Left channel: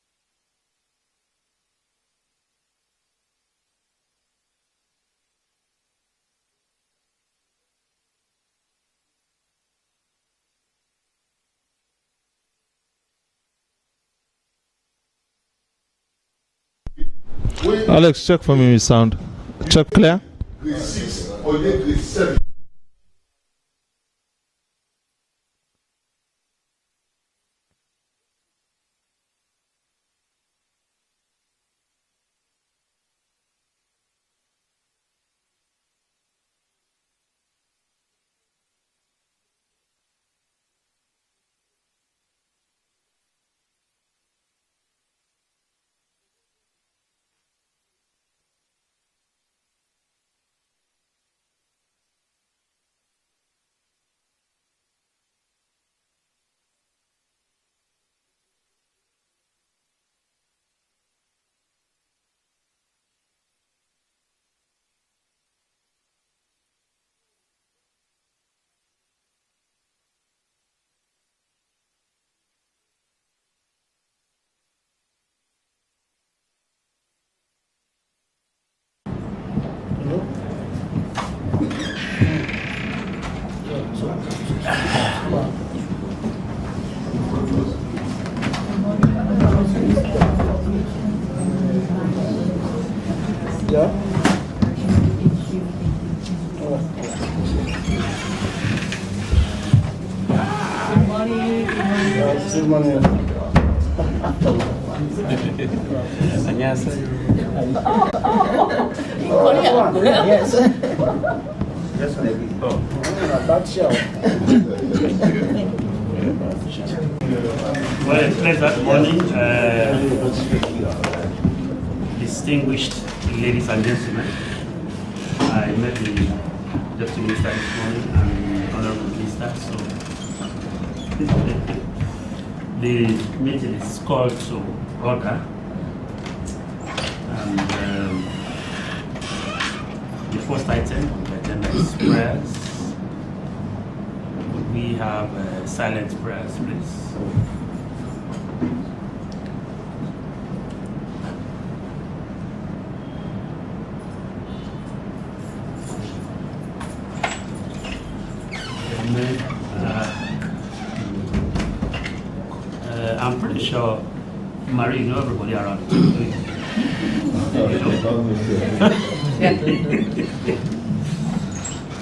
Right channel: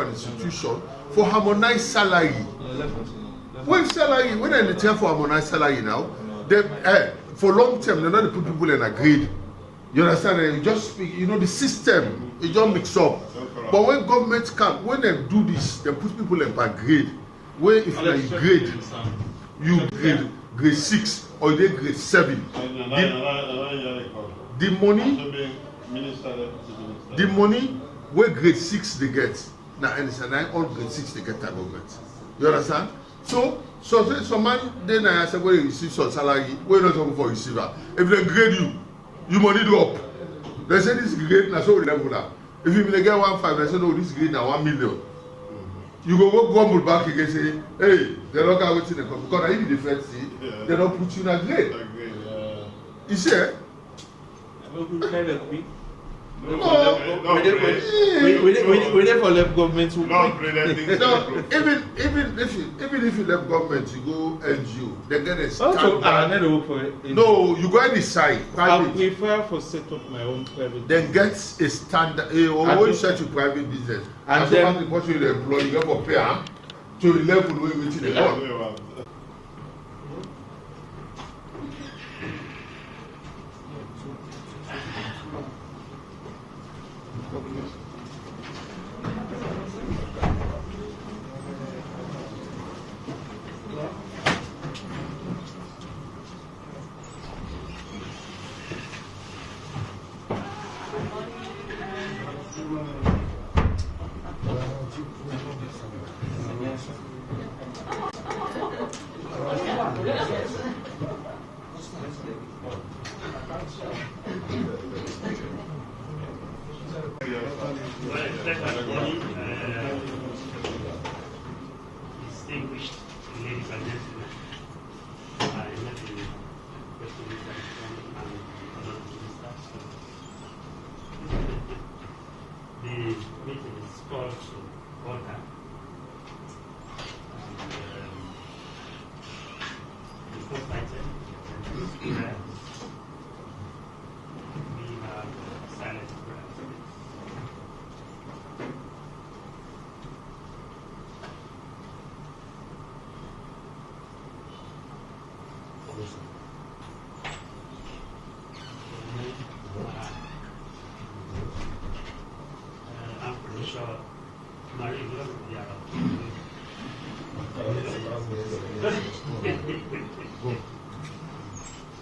an institution for harmonized salary. When they tell for harmonized salary now, they for long term they're not put people in a grade. You understand? You just the system it just mix up. But when governments come, when they do this, they put people in a grade. Let's check for me sound. Check clear. Grade 6 or grade 7. The money where grade 6 they get now, and it's a 9 on grade 6 they get that government. You understand? So some man then I say where you receive some salary, where not talking for receiver. If they grade you money drop. They say this grade now so level now. If you get 1.5, they say no, this grade now 1 million. You go grumble back again say, hey, they're not going to come because if you defend they don't put you in a grade. You see? We never left government. Even if you left government, you go NGO, they get a standard. No, you go inside. I prefer for set up my own private. Then get a standard. When you set your private business, and then what you employ, you have to pay to the level where you reach the level. Yeah. Good morning. 안녕하세요. Yes. Back show. Well, a pleasant morning, distinguished ladies and gentlemen. I met the Deputy Minister this morning and the Honorable Minister, so the meeting is called to order. And the first item on the agenda is prayers. We have silent prayers, please. I'm pretty sure, Marie, you know everybody around.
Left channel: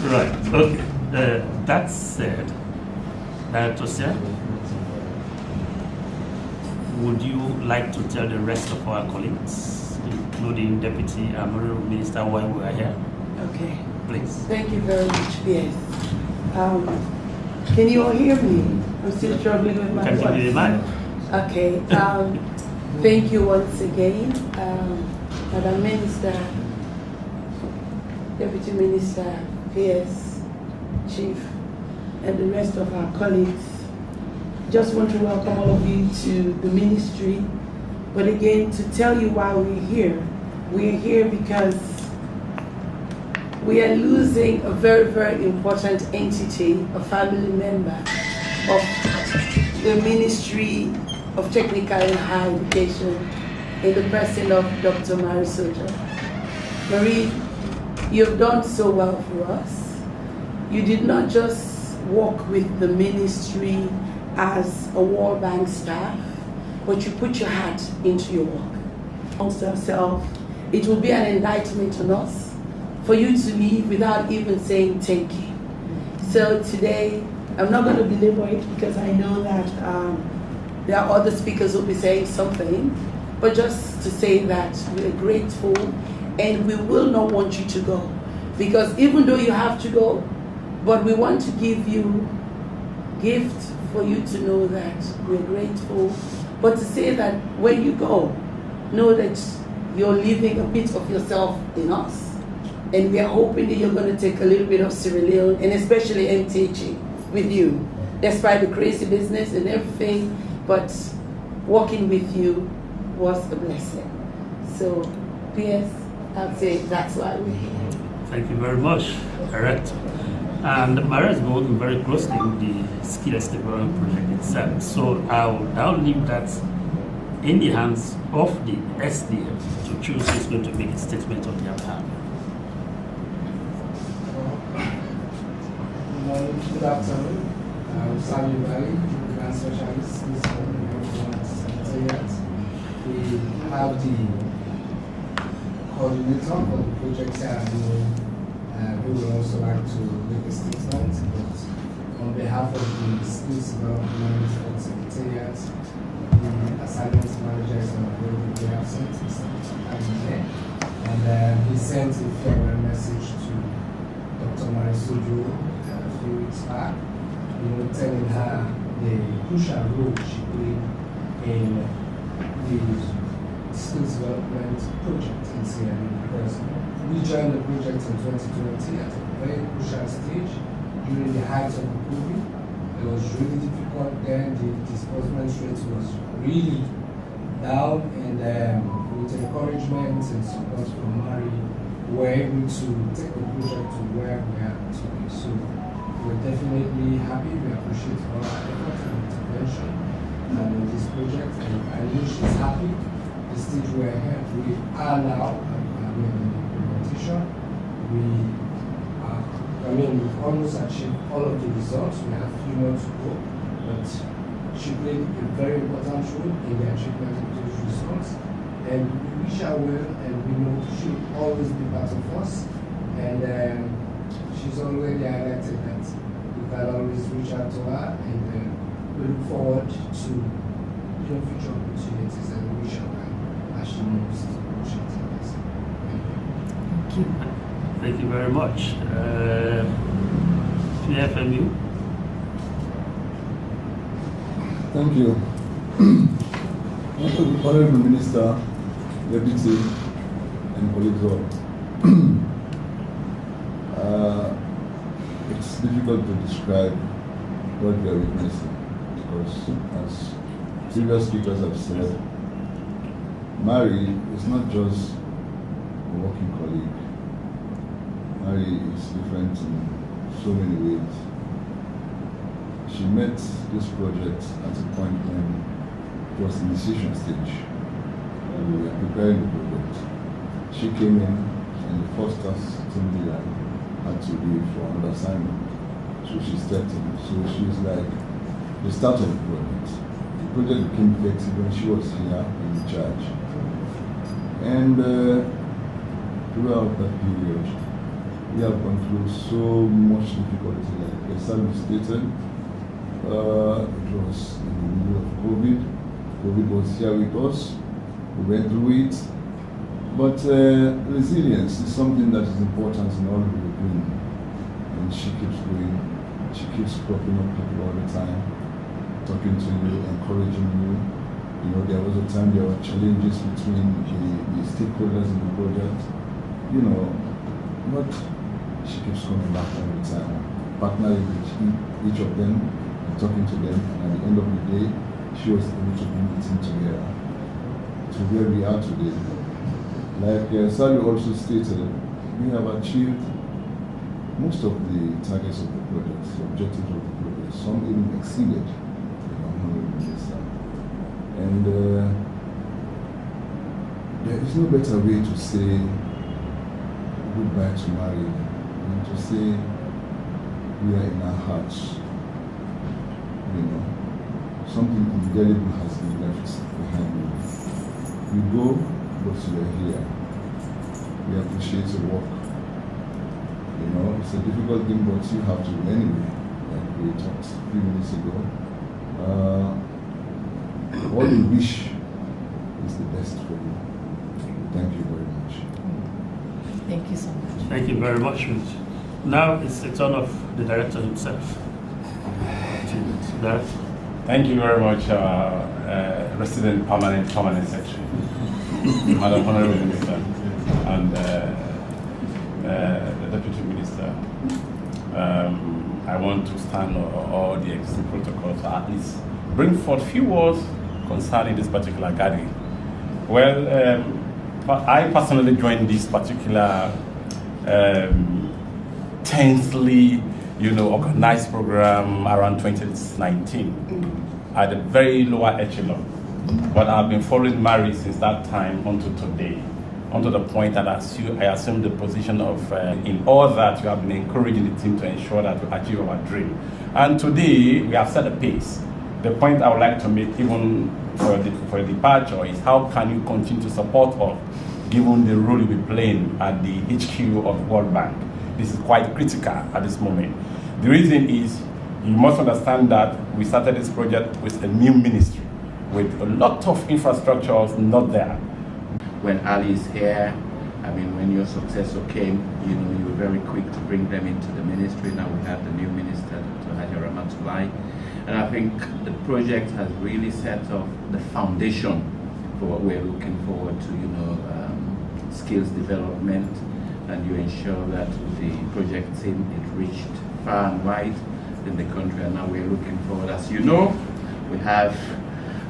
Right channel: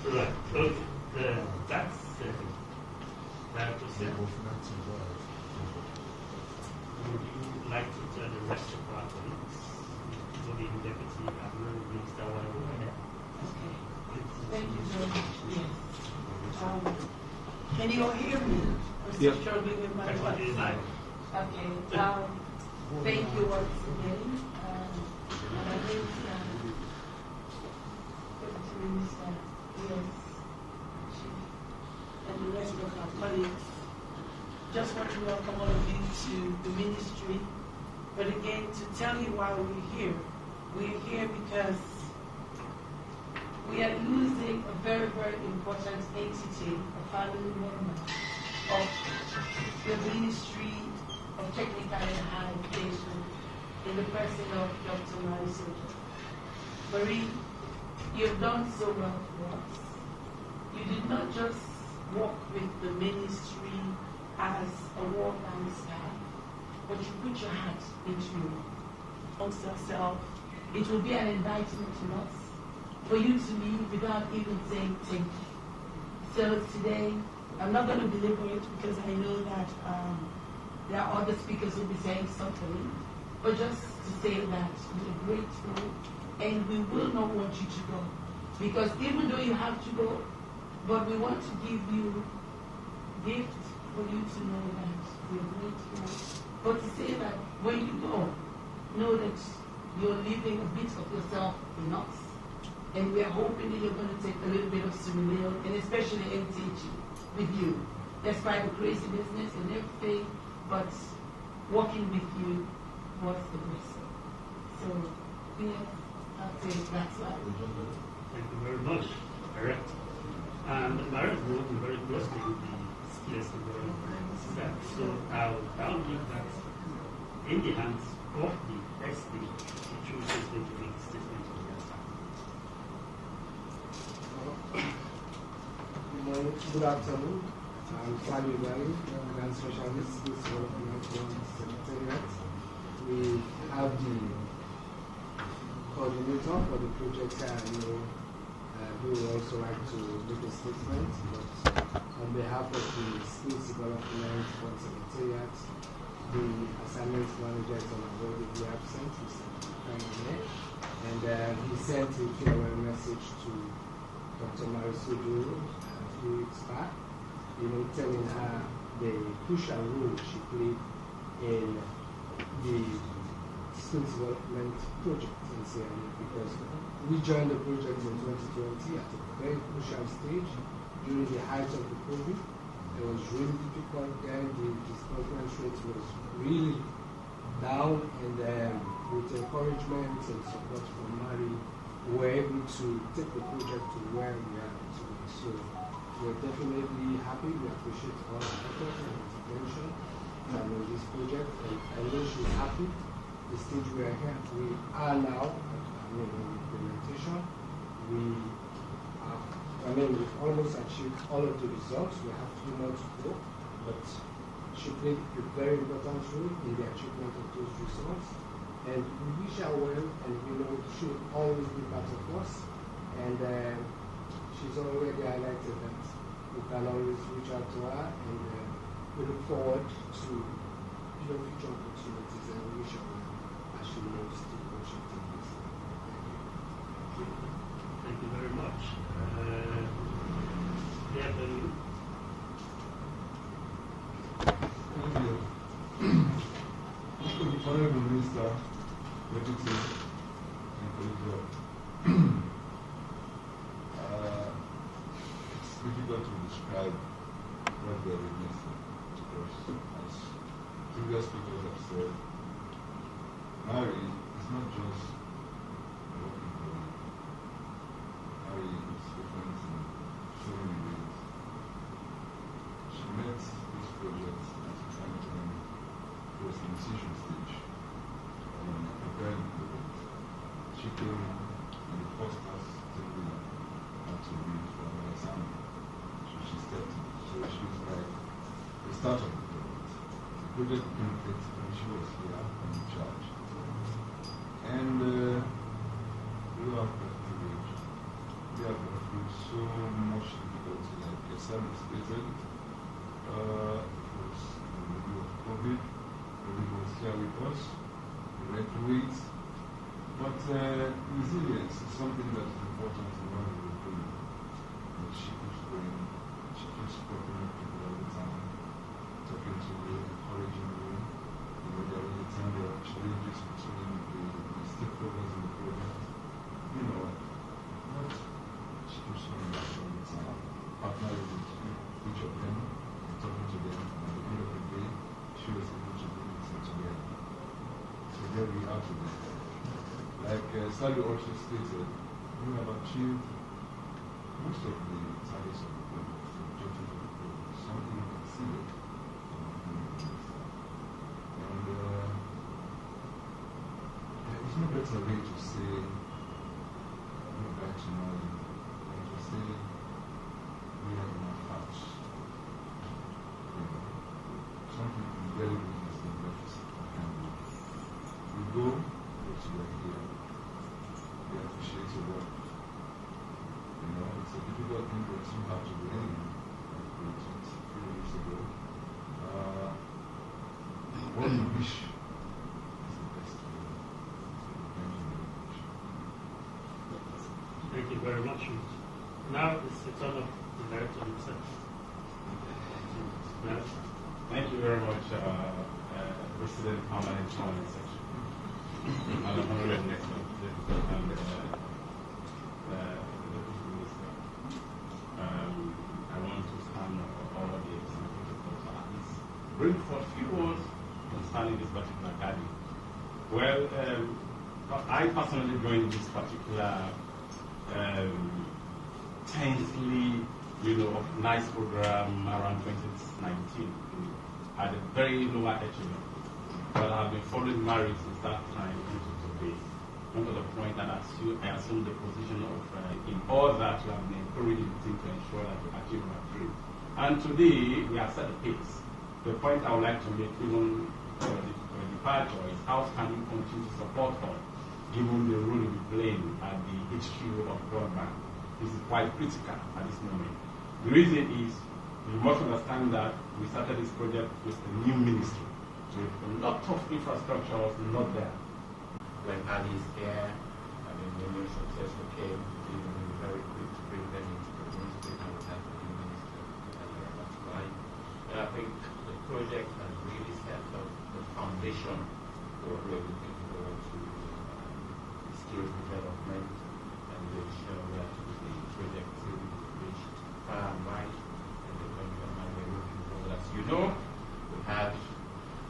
Right, okay. That said, Director Sir, would you like to tell the rest of our colleagues, including Deputy Honorable Minister, why we are here? Okay. Please. Thank you very much. Yes. Can you all hear me? I'm still struggling with my voice. Can you hear me? Okay. Thank you once again, Madam Minister, Deputy Minister, PS, Chief, and the rest of our colleagues. Just want to welcome all of you to the ministry, but again, to tell you why we're here. We're here because we are losing a very, very important entity, a family member of the Ministry of Technical and Higher Education in the person of Dr. Marie Sojo. Marie, you've done so well for us. You did not just work with the ministry as a World Bank staff, but you put your heart into your work. Amongst ourselves, it will be an enlightenment on us for you to leave without even saying thank you. So today, I'm not going to belabor it because I know that there are other speakers who will be saying something, but just to say that we're grateful and we will not want you to go. Because even though you have to go, but we want to give you gift for you to know that we're grateful, but to say that when you go, know that you're leaving a bit of yourself in us. And we are hoping that you're going to take a little bit of Sierra Leone, and especially MTG, with you, despite the crazy business and everything, but working with you was a blessing. So, yes, I'd say that's why we're here. Thank you very much, Director. And Maria has been working very closely with the Skillers Development Project itself. So I'll leave that in the hands of the SDF to choose who's going to make a statement on their behalf. Good afternoon. I'm Sally Valley, Grand Socialist Skills Development Secretariat. We have the coordinator for the project here, who would also like to make a statement. But on behalf of the Skills Development Secretariat, the assignment manager is not going to be absent, Mr. Adine, and he sent a farewell message to Dr. Marisuju back, telling her the crucial role she played in the skills development project in Sierra Leone, because we joined the project in 2020 at a very crucial stage during the height of the COVID. It was really difficult then, the disbursement rate was really down, and with encouragement and support from Mary, we were able to take the project to where we are today. So we're definitely happy. We appreciate all our efforts and intervention in this project, and I wish she's happy. The stage we are here, we are now in implementation. We've almost achieved all of the results. We have 3 more to go, but she played a very important role in the achievement of those results. And we wish her well, and we know she will always be part of us. And she's already highlighted that I'll always reach out to her, and we look forward to future opportunities, and we wish her well as she moves to the project. Thank you. Thank you very much. PFMU. Thank you. Honorable Minister, Deputy, and colleagues all. It's difficult to describe what we are witnessing, because as previous speakers have said, Mary is not just a working colleague. Mary is different in so many ways. She met this project at a point when it was initiation stage, and we were preparing the project. She came in and the first task somebody had to leave for another assignment. So she stepped in. So she was like the start of the project. The project became effective when she was here in charge. And throughout that period, we have gone through so much difficulty. Like Esam stated, it was in the middle of COVID. COVID was here with us. We went through it. But resilience is something that is important in all we are doing. And she keeps going. She keeps propping up people all the time, talking to you, encouraging you. You know, there was a time there were challenges between the stakeholders in the project. You know, but she keeps coming back all the time, partnering with each of them, talking to them, and at the end of the day, she was able to bring the team together to where we are today. Like Sally also stated, we have achieved most of the targets of the project, the objectives of the project. Some even exceeded the 100 minister. And there is no better way to say goodbye to Mary than to say we are in our hearts. You know, something indelible has been left behind. We go, but we are here. We appreciate your work. You know, it's a difficult thing, but you have to anyway, like we talked a few minutes ago. All we wish is the best for you. Thank you very much. Thank you so much. Thank you very much, Rich. Now it's the turn of the director himself. Thank you very much, Resident Permanent Secretary, Madam Honorable Minister, and the Deputy Minister. I want to stand on all the existing protocols, at least bring forth few words concerning this particular gathering. Well, I personally joined this particular tensely, organized program around 2019 at a very lower echelon. But I've been following Mary since that time until today, unto the point that I assumed the position of, in all that you have been encouraging the team to ensure that we achieve our dream. And today, we have set a pace. The point I would like to make, even for the departure, is how can you continue to support us, given the role you'll be playing at the HQ of World Bank. This is quite critical at this moment. The reason is, you must understand that we started this project with a new ministry, with a lot of infrastructures not there. When Ali is here, I mean, when your successor came, you know, you were very quick to bring them into the ministry. Now we have the new minister, Haji Rahmatullah. And I think the project has really set off the foundation for what we're looking forward to, you know, skills development, and you ensure that the project team, it reached far and wide in the country, and now we're looking forward. As you know, we have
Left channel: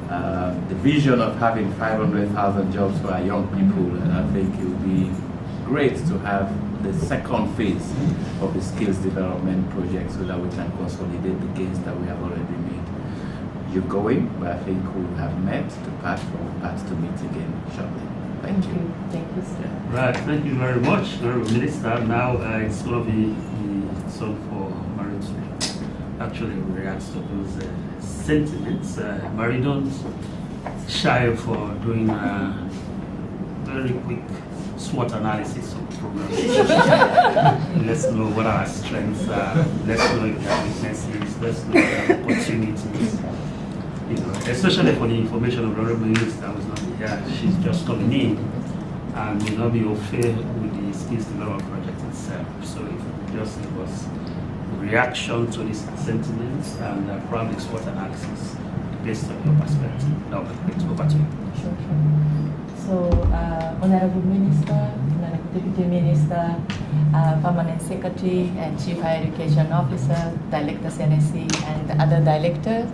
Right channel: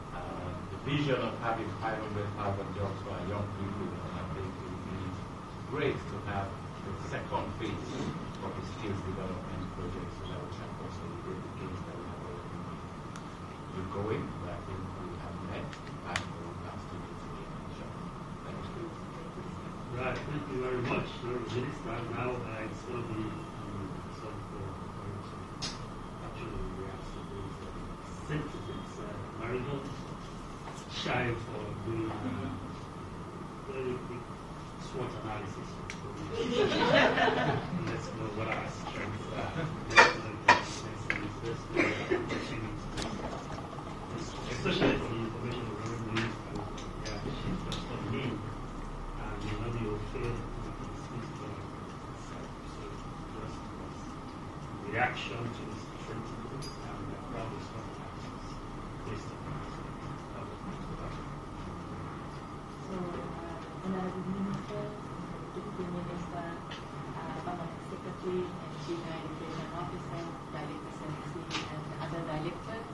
the vision of having 500,000 jobs for our young people, and I think it would be great to have the second phase of the skills development project so that we can consolidate the gains that we have already made. You're going, but I think we have met the path to meet again shortly. Thank you. Thank you, sir. Right, thank you very much, Honourable Minister. Now it's going to be some for Mary to actually react to those sentiments. Mary, don't shy for doing a very quick SWOT analysis of the program. Let's know what our strengths are, let's know if there are weaknesses, let's know if there are opportunities. You know, especially for the information of the Honourable Minister who's not here, she's just coming in and will not be au fait with the skills development project itself. So if you just give us reaction to these sentiments and probably SWOT analysis based on your perspective, that would be great. Over to you. Sure. So, Honourable Minister, Honourable Deputy Minister, Permanent Secretary and Chief Higher Education Officer, Director CNSC and other directors,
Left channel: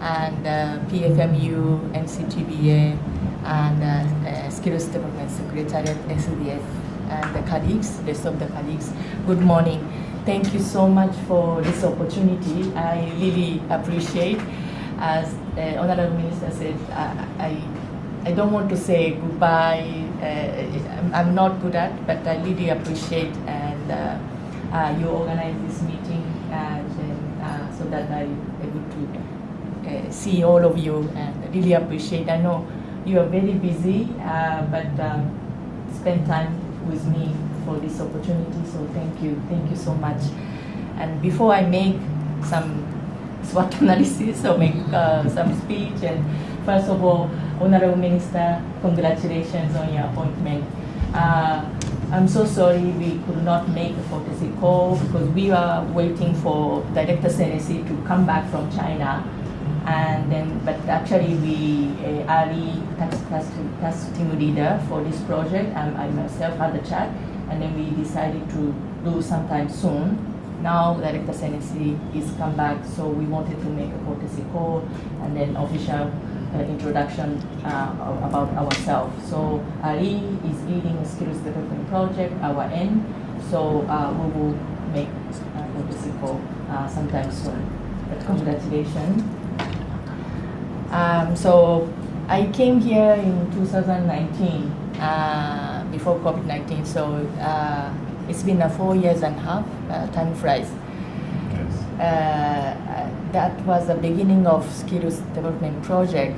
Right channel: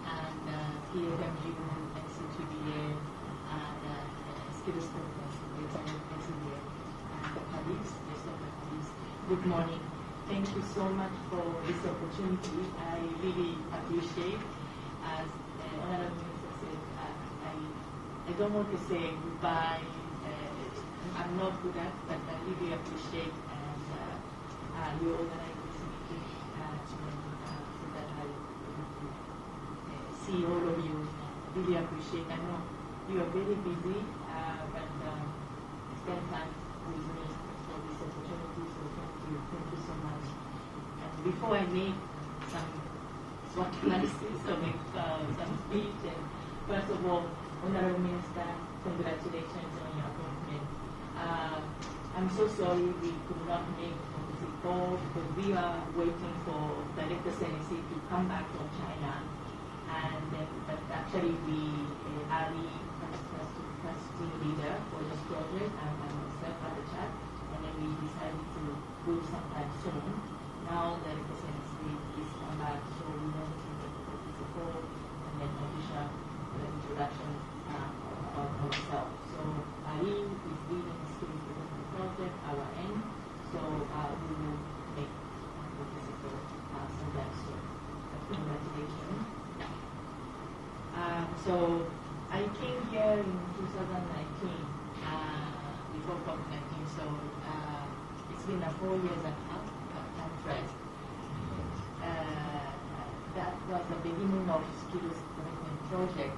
and PFMU, NCTBA, and Skills Development Secretariat, SDF, and the colleagues, rest of the colleagues. Good morning. Thank you so much for this opportunity. I really appreciate. As the Honourable Minister said, I don't want to say goodbye. I'm not good at, but I really appreciate and you organize this meeting so that I'm able to see all of you and really appreciate. I know you are very busy, but spend time with me for this opportunity. So thank you so much. And before I make some SWOT analysis or make some speech, and first of all, Honourable Minister, congratulations on your appointment. I'm so sorry we could not make a courtesy call because we are waiting for Director Senesi to come back from China, and then, but actually we Ali, task team leader for this project, and I myself had a chat, and then we decided to do sometime soon. Now Director Senesi is come back, so we wanted to make a courtesy call and then official introduction about ourselves. So Ali is leading a skills development project, our end. So we will make a courtesy call sometime soon. But congratulations. So I came here in 2019 before COVID-19. So it's been 4 years and a half. Time flies. That was the beginning of skills development project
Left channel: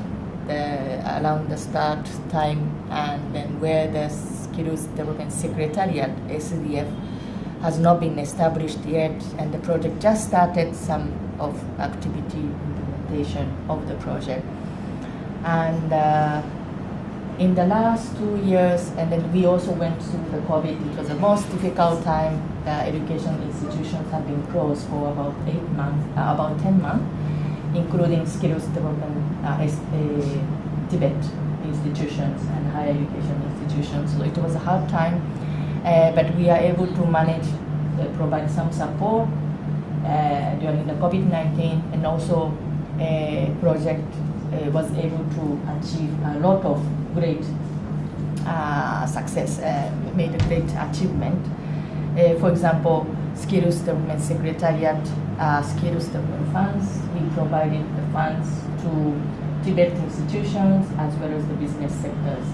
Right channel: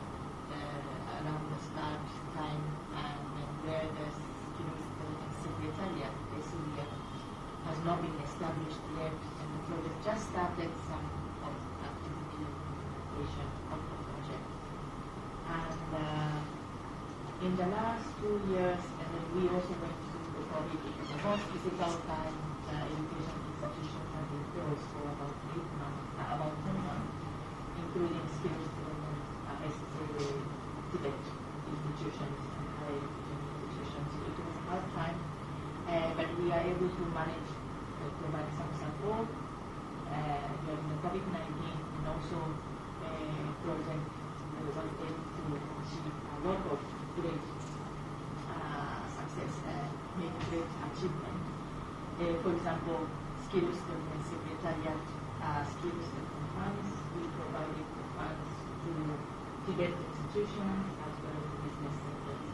around the start time, and then where the skills development secretariat SDF has not been established yet, and the project just started some of activity implementation of the project. And in the last 2 years, and then we also went through the COVID. It was the most difficult time. Education institutions have been closed for about 8 months, about 10 months, including skills development Tibet institutions and higher education institutions. So it was a hard time, but we are able to manage, provide some support during the COVID-19, and also project was able to achieve a lot of great success, made a great achievement. For example, Skills Development Secretariat, Skills Development Funds, we provided the funds to Tibet institutions as well as the business sectors.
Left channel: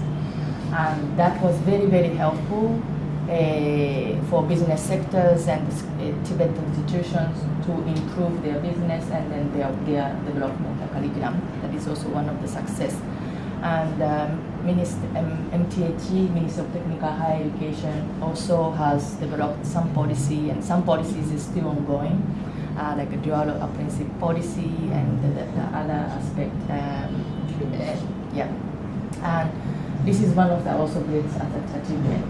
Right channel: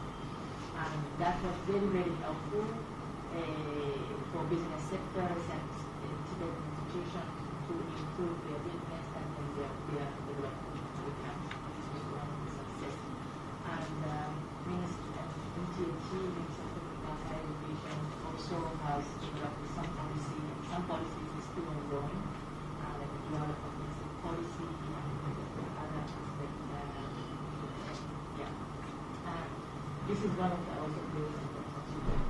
And that was very, very helpful for business sectors and Tibet institutions to improve their business and then their development curriculum. That is also one of the success. And MTHE, Ministry of Technical Higher Education, also has developed some policy, and some policies is still ongoing, like a dual apprenticeship policy and the other aspect. Yeah, and this is one of the also great achievement.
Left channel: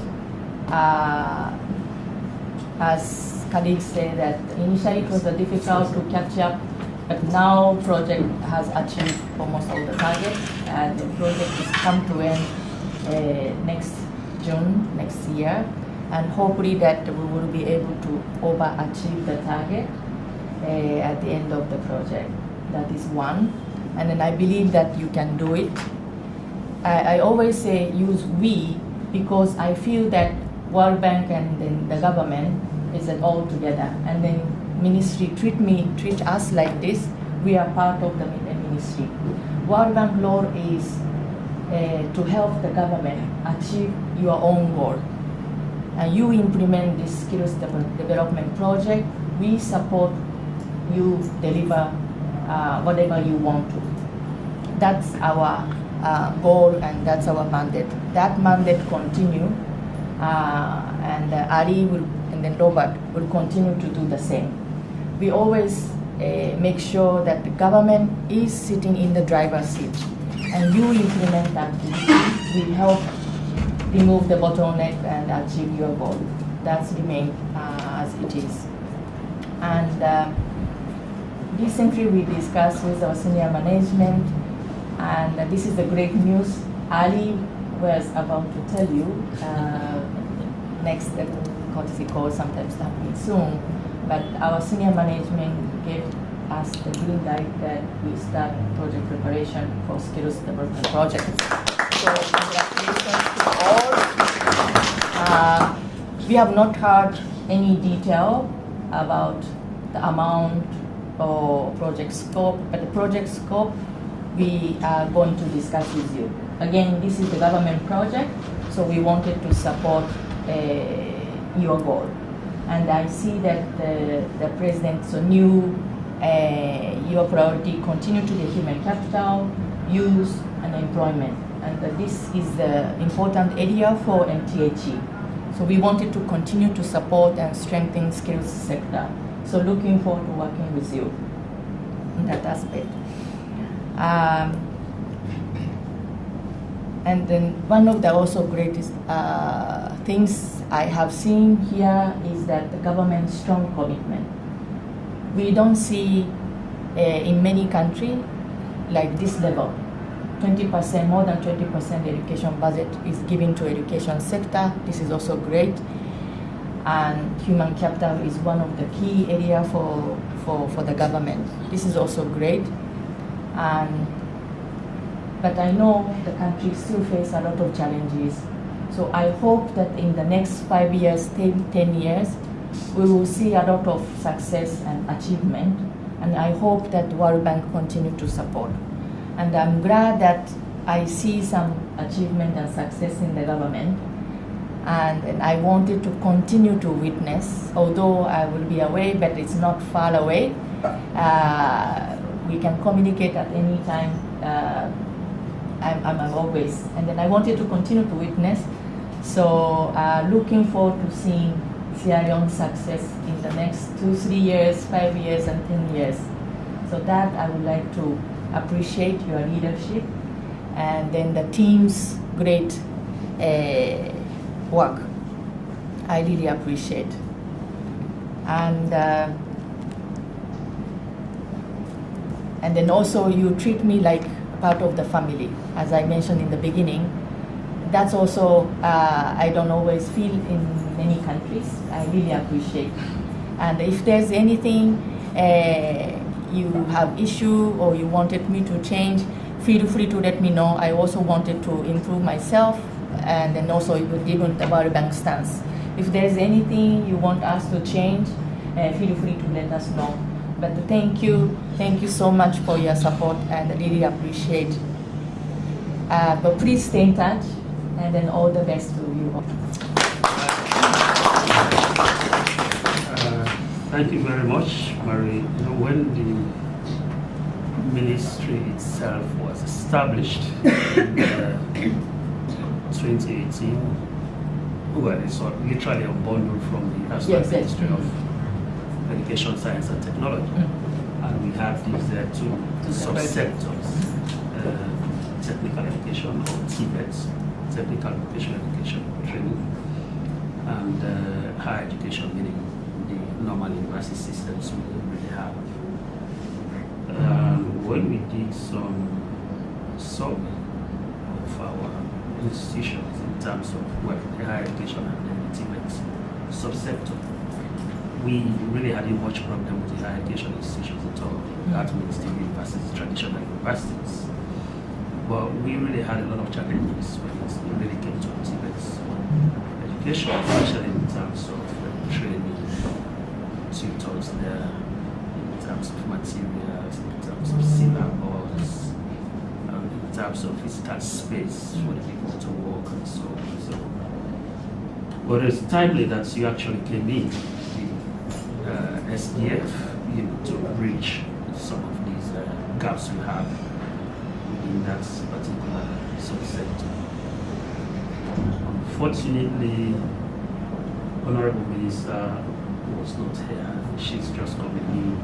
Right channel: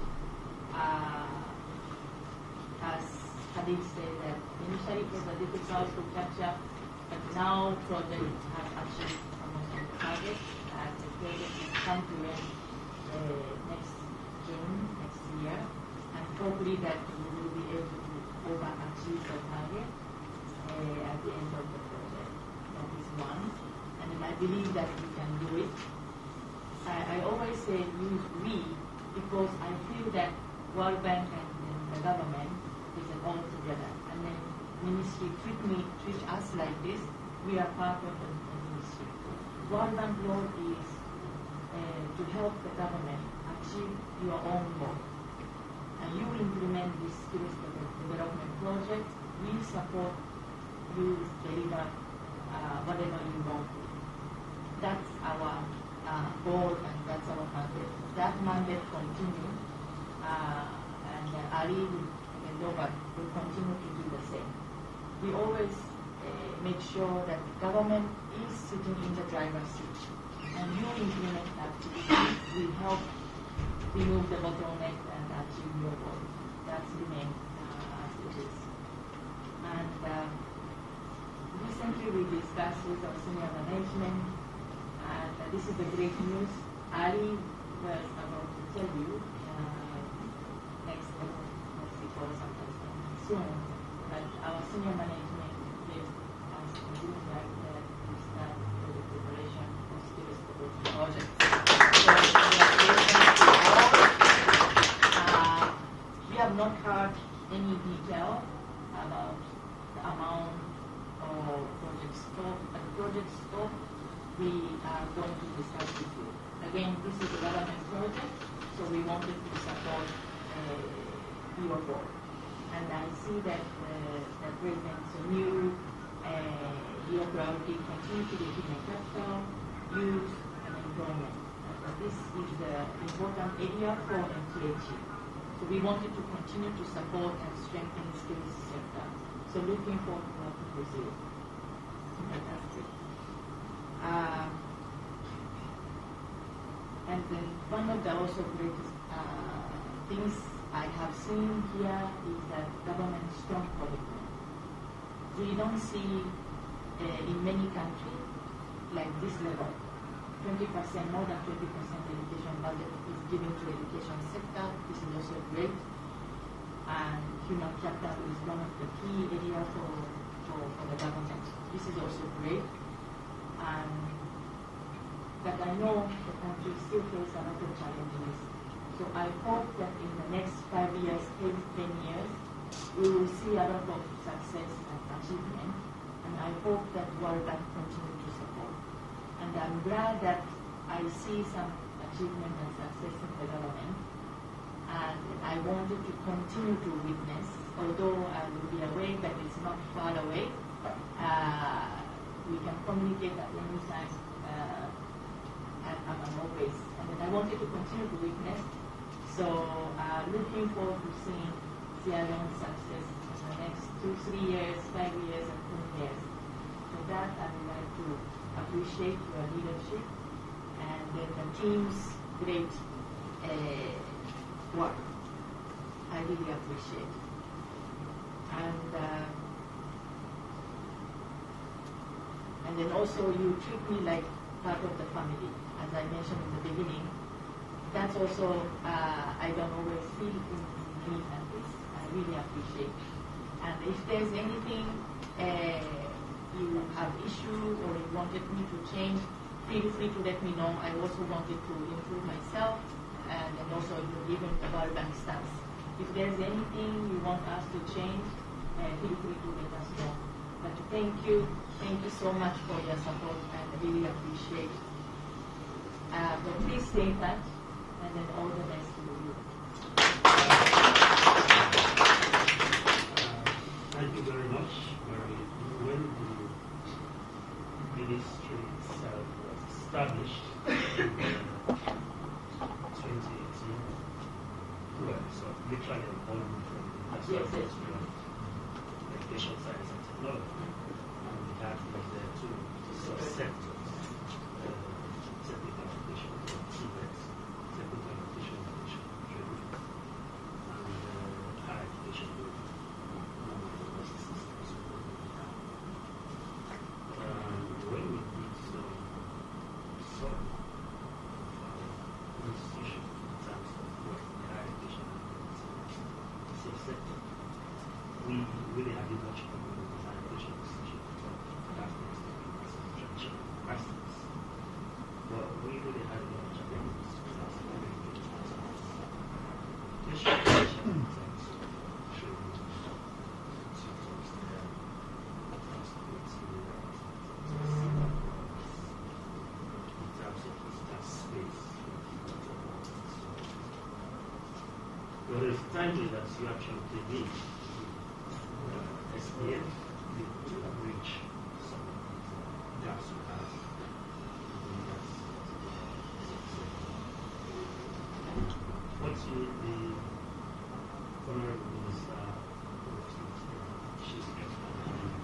As colleagues say that initially it was difficult to catch up, but now project has achieved almost all the targets, and the project is come to end next June next year, and hopefully that we will be able to overachieve the target at the end of the project. That is one, and then I believe that you can do it. I always say use we, because I feel that World Bank and then the government is all together, and then ministry treat us like this. We are part of the ministry. World Bank role is to help the government achieve your own goal, and you implement this skills development project. We support you deliver whatever you want to. That's our goal, and that's our mandate. That mandate continue, and Ali will, and then Robert will continue to do the same. We always make sure that the government is sitting in the driver's seat, and you implement activities. We help remove the bottleneck and achieve your goal. That's remain as it is. And recently we discussed with our senior management, and this is the great news. Ali was about to tell you next courtesy call sometime starting soon, but our senior management gave us the green light that we start project preparation for skills development projects. So congratulations to all. We have not heard any detail about the amount or project scope, but the project scope we are going to discuss with you. Again, this is the government project, so we wanted to support your goal. And I see that the president so knew your priority continue to be human capital, youth, and employment. And this is the important area for MTHE. So we wanted to continue to support and strengthen skills sector. So looking forward to working with you in that aspect. And then one of the also greatest things I have seen here is that the government's strong commitment. We don't see in many countries like this level. 20%, more than 20% education budget is given to education sector. This is also great. And human capital is one of the key areas for the government. This is also great. But I know the country still faces a lot of challenges. So I hope that in the next 5 years, 10 years, we will see a lot of success and achievement. And I hope that World Bank continue to support. And I'm glad that I see some achievement and success in the government. And I wanted to continue to witness, although I will be away, but it's not far away. We can communicate at any time. I'm always, and then I wanted to continue to witness. So looking forward to seeing Sierra Leone's success in the next 2-3 years, 5 years, and 10 years. So that I would like to appreciate your leadership, and then the team's great work. I really appreciate. And then also you treat me like part of the family, as I mentioned in the beginning. That's also I don't always feel in many countries. I really appreciate. And if there's anything you have issue or you wanted me to change, feel free to let me know. I also wanted to improve myself, and then also even the World Bank stance. If there's anything you want us to change, feel free to let us know. But thank you so much for your support, and I really appreciate. But please stay in touch, and then all the best to you all. Thank you very much, Marie. You know, when the ministry itself was established in 2018, well, it's literally a bundle from the National Ministry of Education, Science and Technology. And we have these two subsectors, technical education or TVET, technical vocational education training, and higher education, meaning the normal university systems we don't really have. When we did some survey of our institutions in terms of the higher education and the TVET subsector, we really hadn't much problem with the higher education institutions at all. That means the universities, traditional universities. But we really had a lot of challenges when it really came to TVET education, especially in terms of training, tutors there, in terms of materials, in terms of syllabus, in terms of physical space for the people to work and so on and so on. But it's timely that you actually came in, the SDF, to bridge some of these gaps we have in that particular subsector. Unfortunately, Honorable Minister was not here. She's just coming in.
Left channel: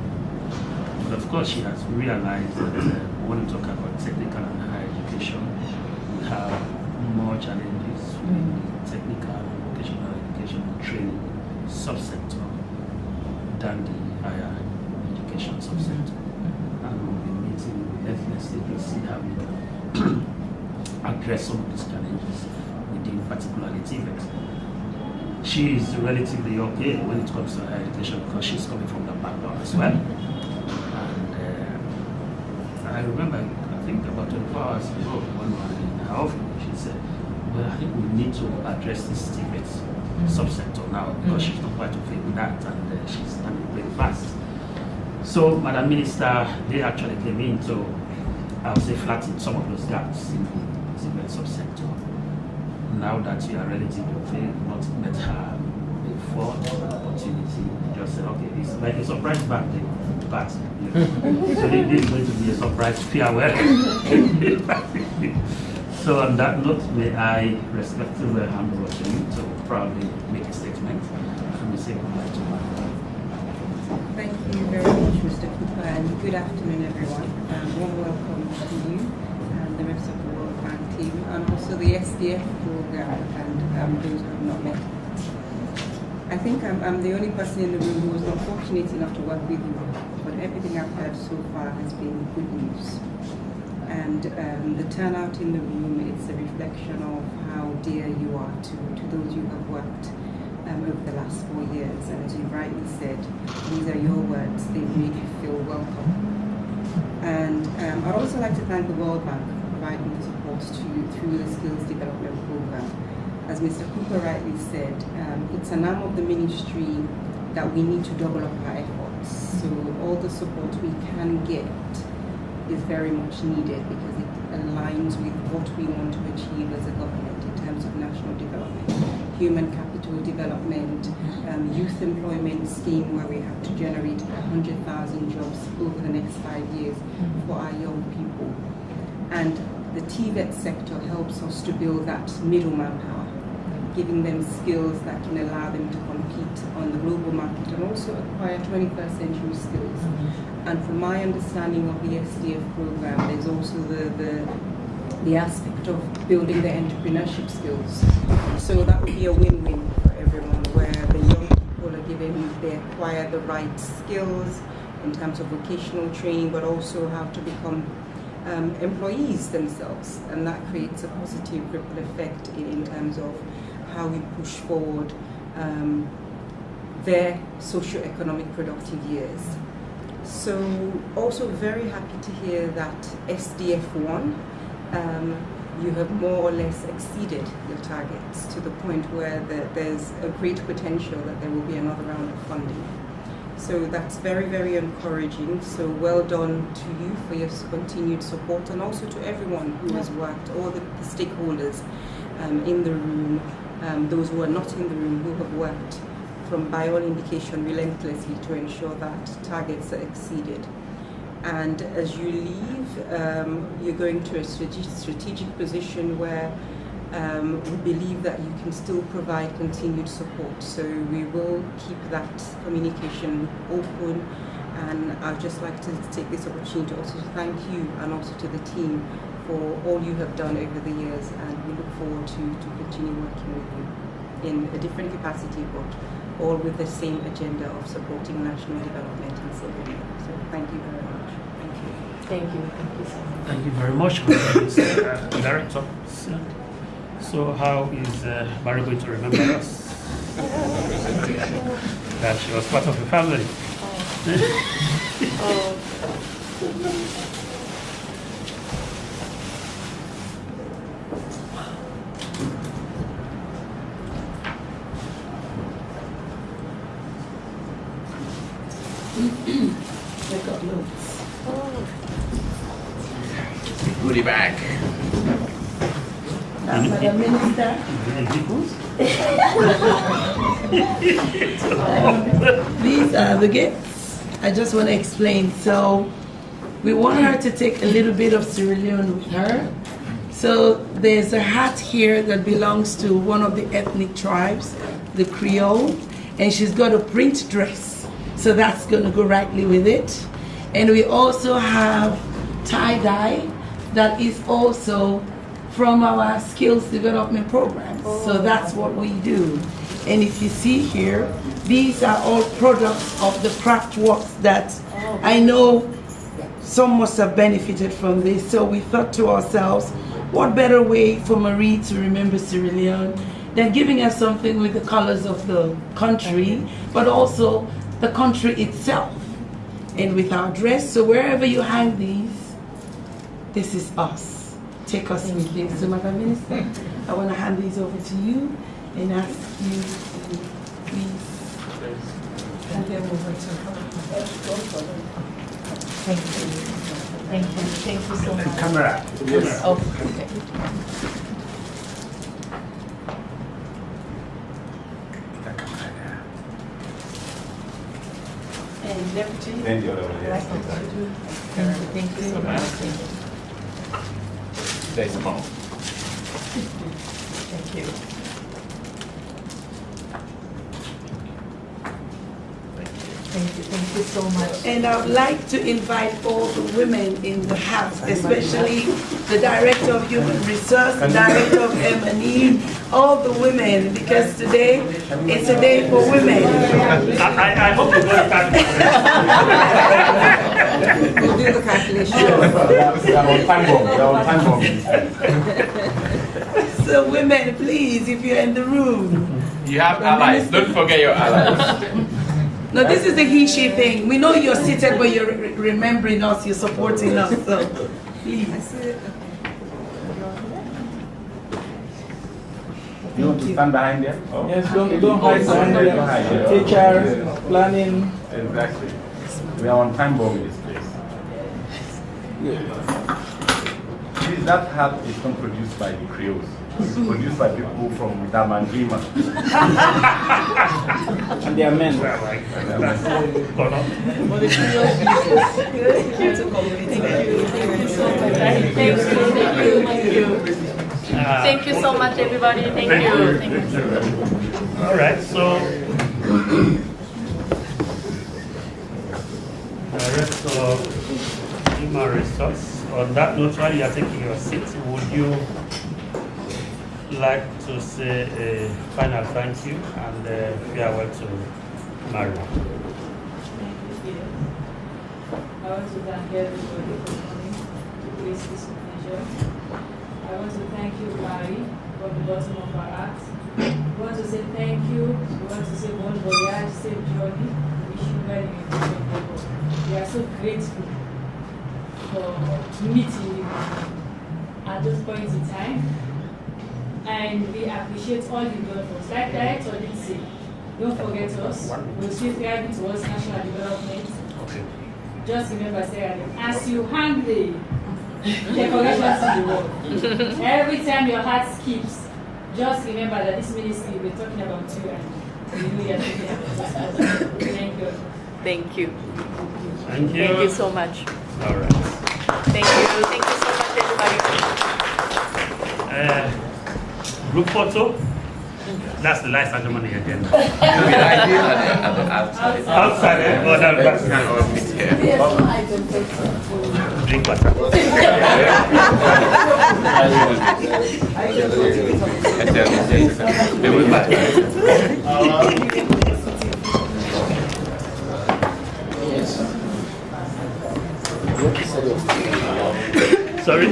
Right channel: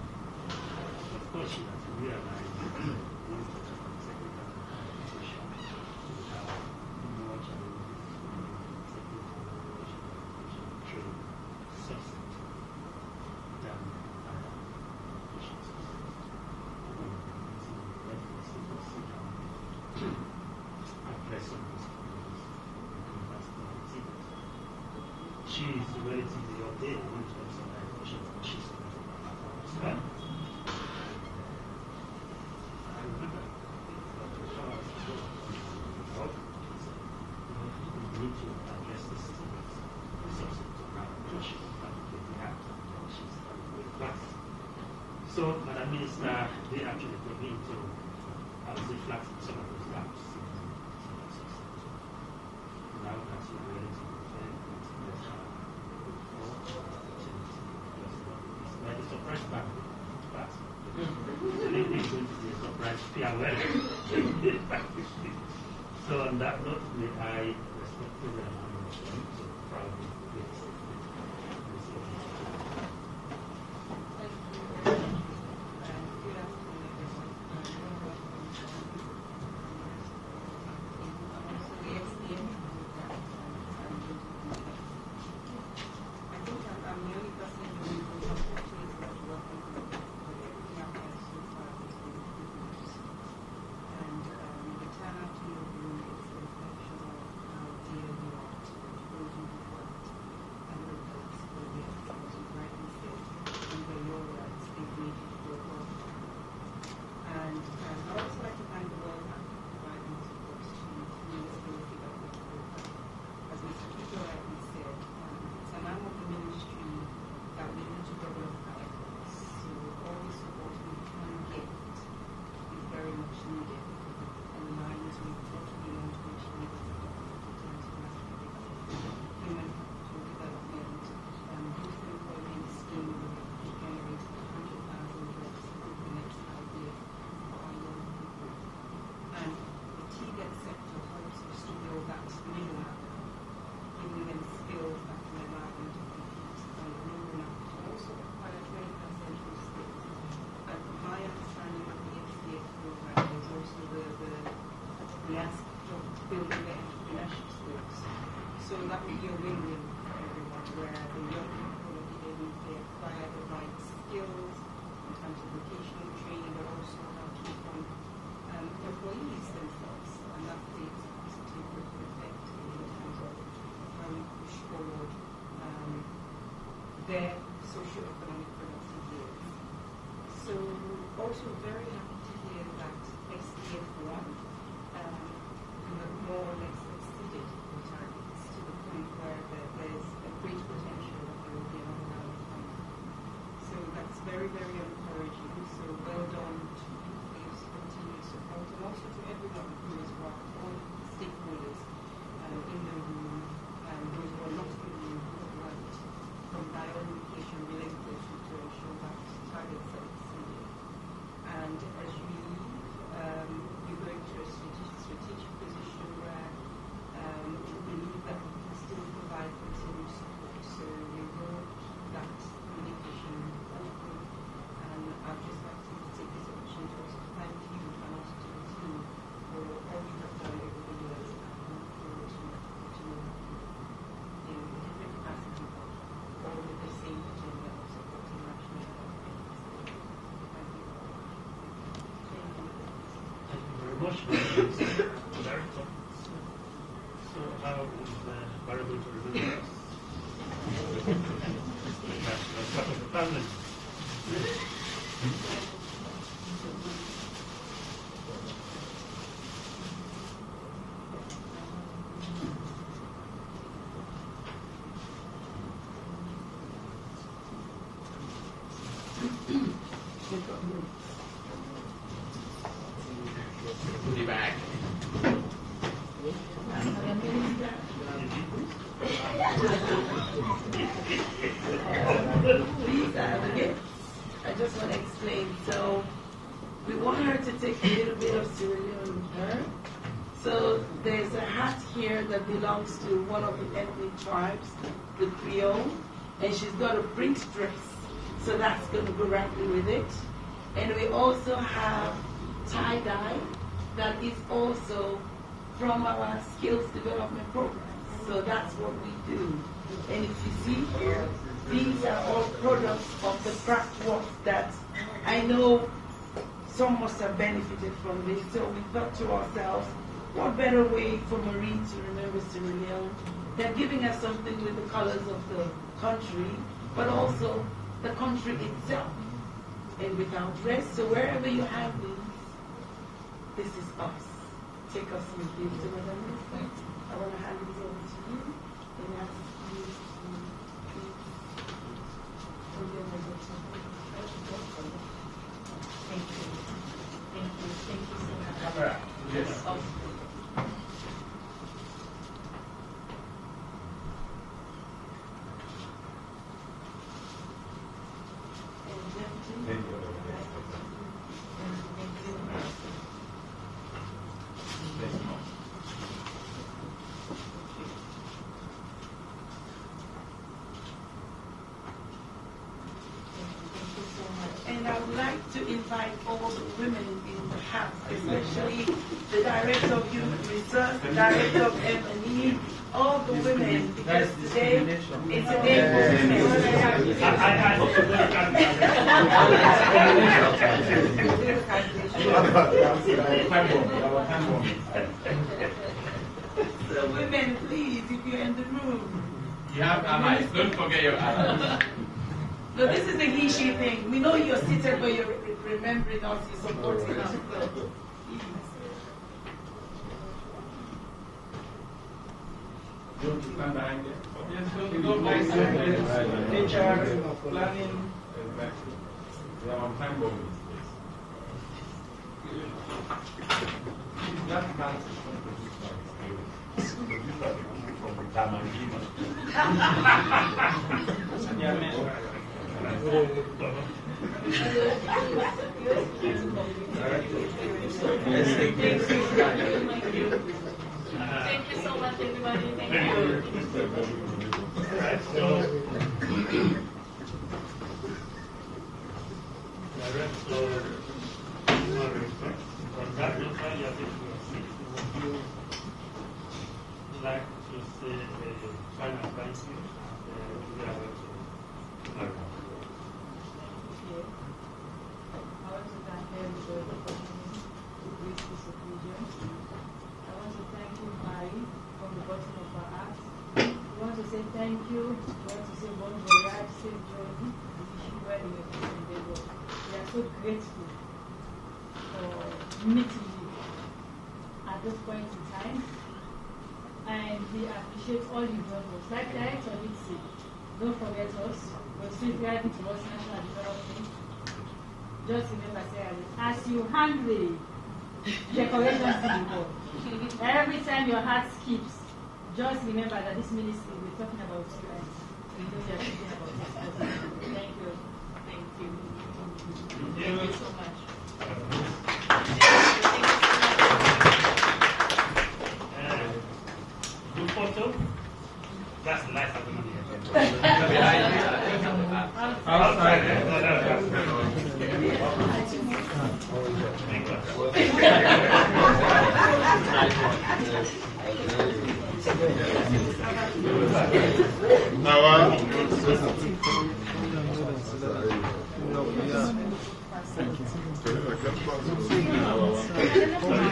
But of course, she has realized that when we talk about technical and higher education, we have more challenges with the technical and vocational education training subsector than the higher education subsector. And we'll be meeting with ethnicity to see how we can address some of these challenges within particularly TVET. She is relatively okay when it comes to higher education because she's coming from the background as well. And I remember, I think about 24 hours ago, one morning in her office, she said, well, I think we need to address this TVET subsector now because she's not quite okay with that, and she's running very fast. So, Madam Minister, they actually came in to, I would say, flatten some of those gaps in the TVET subsector. Now that you are relatively okay, not met her before the opportunity, just said, okay, it's like a surprise birthday party. So this is going to be a surprise farewell. So on that note, may I respectfully hand over to you to proudly make a statement and say goodbye to you. Thank you very much, Mr. Cooper, and good afternoon, everyone. Warm welcome to you and the rest of the World Bank team, and also the SDF program and those who have not met. I think I'm the only person in the room who was not fortunate enough to work with you, but everything I've heard so far has been good news. And the turnout in the room, it's a reflection of how dear you are to those you have worked over the last 4 years. And as you rightly said, these are your words, they've made you feel welcome. And I'd also like to thank the World Bank for providing the support to you through the Skills Development Program. As Mr. Cooper rightly said, it's an arm of the ministry that we need to double up our efforts. So all the support we can get is very much needed because it aligns with what we want to achieve as a government in terms of national development, human capital development, youth employment scheme where we have to generate 100,000 jobs over the next 5 years for our young people. And the TVET sector helps us to build that middle manpower, giving them skills that can allow them to compete on the global market and also acquire 21st century skills. And from my understanding of the SDF program, there's also the aspect of building their entrepreneurship skills. So that would be a win-win for everyone, where the young people are given, they acquire the right skills in terms of vocational training, but also how to become employees themselves. And that creates a positive ripple effect in terms of how we push forward their socio-economic productive years. So also very happy to hear that SDF 1, you have more or less exceeded your targets to the point where there's a great potential that there will be another round of funding. So that's very, very encouraging. So well done to you for your continued support, and also to everyone who has worked, all the stakeholders in the room, those who are not in the room, who have worked by all indication relentlessly to ensure that targets are exceeded. And as you leave, you're going to a strategic position where we believe that you can still provide continued support. So we will keep that communication open, and I'd just like to take this opportunity also to thank you and also to the team for all you have done over the years, and we look forward to continue working with you in a different capacity, but all with the same agenda of supporting national development in Sierra Leone. So thank you very much. Thank you. Thank you. Thank you so much. Thank you very much, Mr. Director. So how is Mary going to remember us? That she was part of the family. Oh. I got notes. Goodie bag. Madam Minister. These are the gifts. I just want to explain. So we want her to take a little bit of Sierra Leone with her. So there's a hat here that belongs to one of the ethnic tribes, the Creole, and she's got a print dress. So that's going to go rightly with it. And we also have tie-dye that is also from our skills development programs. So that's what we do. And if you see here, these are all products of the craft works that I know some must have benefited from this. So we thought to ourselves, what better way for Marie to remember Sierra Leone than giving her something with the colors of the country, but also the country itself, and with our dress. So wherever you hang these, this is us. Take us with this. So Madam Minister, I want to hand these over to you and ask you to please hand them over to her. Thank you. Thank you. Thank you so much. Camera. Yes. Oh, okay. And Deputy. Thank you. Thank you so much. There's more. Thank you. Thank you so much. And I would like to invite all the women in the house, especially the Director of Human Resource, the Director of M&E, all the women, because today it's a day for women. I hope you got that. We'll do the calculation. So women, please, if you're in the room. You have allies. Don't forget your allies. No, this is the he-she thing. We know you're seated, but you're remembering us, you're supporting us, so please. You want to stand behind there? Oh. Yes, don't hide behind there. Teachers, planning. Exactly. We are on time bomb in this place. Please, that hat is not produced by the Creoles. It's produced by people from Damangima. And they are men. Thank you so much, everybody. Thank you. Thank you. All right, so Director of Human Resource, on that note, while you are taking your seat, would you like to say a final thank you and farewell to Maria? Thank you, Peter. I want to thank everybody for coming to grace this occasion. I want to thank you, Mary, from the bottom of our hearts. We want to say thank you. We want to say bon voyage, safe journey. We wish you well in your future endeavor. We are so grateful for meeting you at this point in time. And we appreciate all you've done for us. Like Director did say, don't forget us. We'll see thriving towards national development. Just remember, Sarah, as you hang the decorations to the wall, every time your heart skips, just remember that this ministry, we're talking about you and you know you're talking about us. Thank you. Thank you. Thank you. Thank you so much. All right. Thank you. Thank you so much, everybody. Group photo. That's the last item on the agenda. Outside. Oh, that's drink water. Sorry?